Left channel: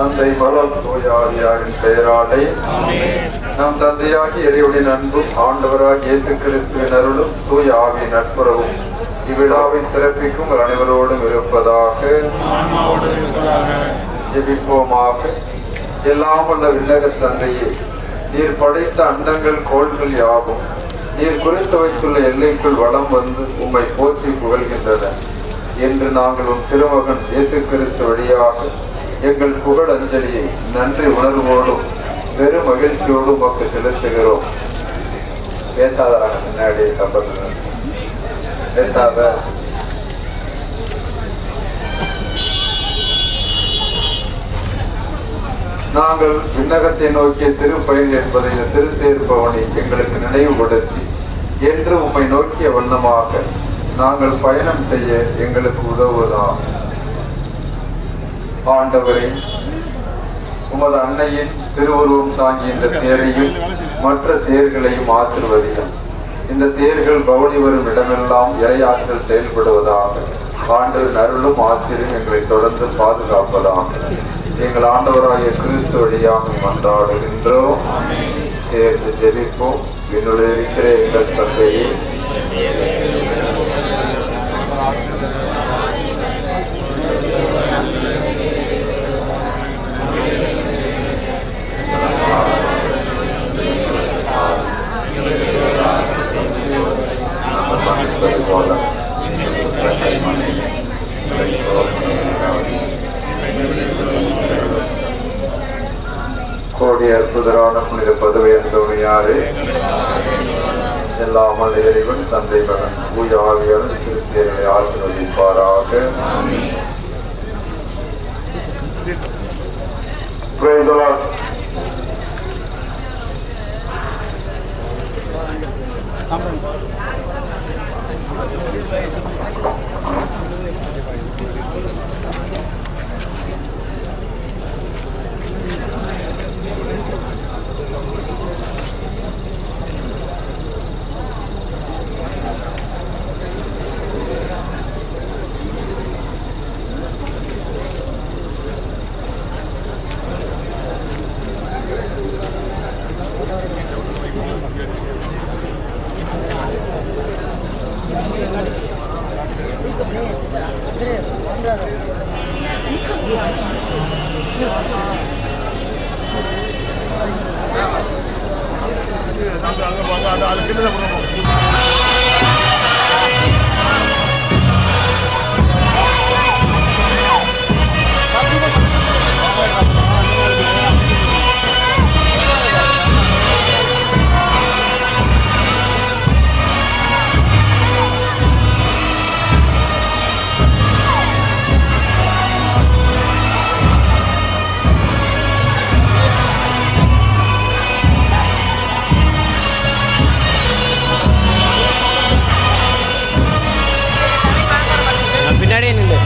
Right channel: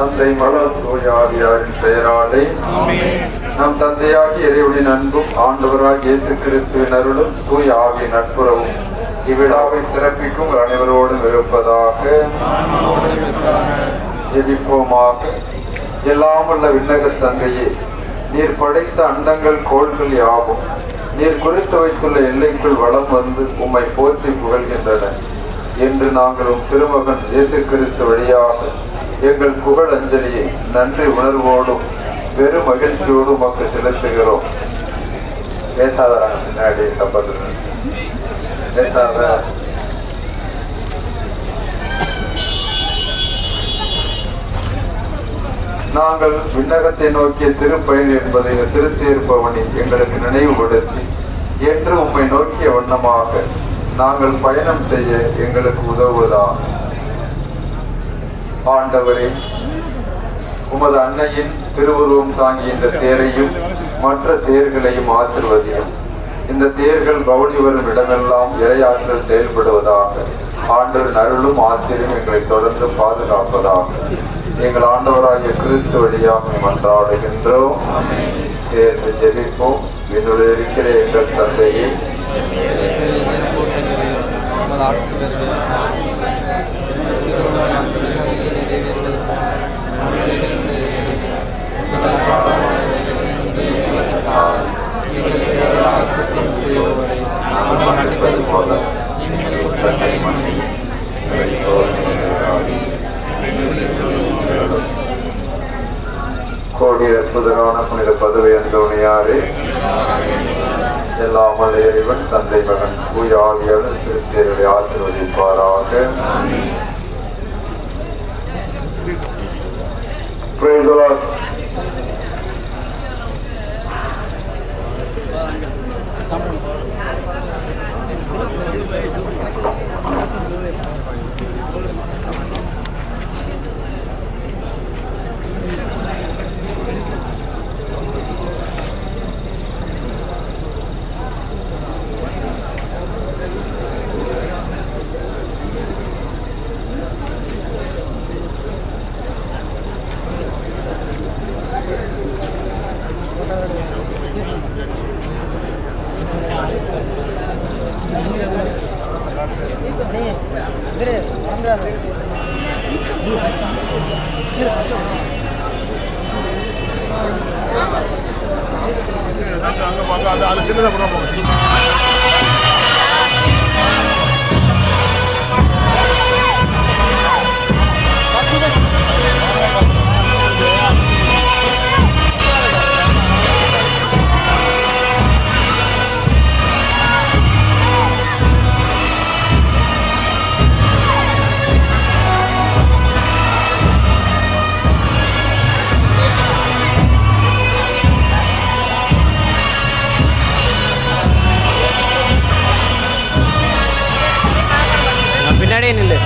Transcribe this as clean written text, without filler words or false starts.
தந்தை மகள் தூயாவியாரின் பெயராலே நம் தந்தையாகி இறைவனின் அன்பும் ஆண்டவராக இயேசு கிறிஸ்துவின் அருளும் தூய ஆவியின் நட்புறவும் இவ்விழாவை சிறப்பிக்கும் அனைவரோடும் இருப்பதாக. ஜெபிப்போமாக. எல்லாமுள்ள விண்ணக தந்தையே, நீர் படைத்த அண்டங்கள் கோள்கள் யாவும் நீர் குறித்து வைத்துள்ள எல்லைக்குள் வளம் வந்து உம்மை போற்றி புகழ்கின்றன என்று நாங்கள் உம் திருமகன் இயேசு கிறிஸ்து வழியாக எங்கள் புகழ் அஞ்சலியை நன்றி உணர்வோடும் வெறும் மகிழ்ச்சியோடு உமக்கு செலுத்துகிறோம். பேசாத முன்னாடி சம்பந்தம் பேசாத. நாங்கள் விண்ணகத்தை நோக்கிய திருப்பயன் என்பதை இந்த திருத்தேர் பவனி எங்களுக்கு நினைவுபடுத்தி என்று உம்மை நோக்கிய வண்ணமாக நாங்கள் பயணம் செய்ய எங்களுக்கு உதவுவதாக. ஆண்டவரே, உமது அன்னையின் திருவுருவம் தாங்கிய இந்த தேரையும் மற்ற தேர்களையும் ஆசிர்வதியும். இந்த தேர்கள் கவுனி வரும் இடமெல்லாம் இறையாற்றல் செயல்படுவதாக. ஆண்டவர் அருளும் ஆசிரியும் எங்களை தொடர்ந்து பாதுகாப்பதாக. எங்கள் ஆண்டவராகிய கிறிஸ்து வழியாக மன்றாடுகின்றோம். சேர்ந்து ஜெபிப்போம். விண்ணுடைய இருக்கிற எங்கள் தந்தையே, கோடிய அற்புதரான புனித பதுவை அந்தோணியாரே, எல்லாமல் இறைவன் தந்தை மகன் தூய ஆவியாளர் திருத்தேர்களை ஆசீர்வதிப்பாராக. அது சின்னதாக போடுறோம். பின்னாடியே நில்லு.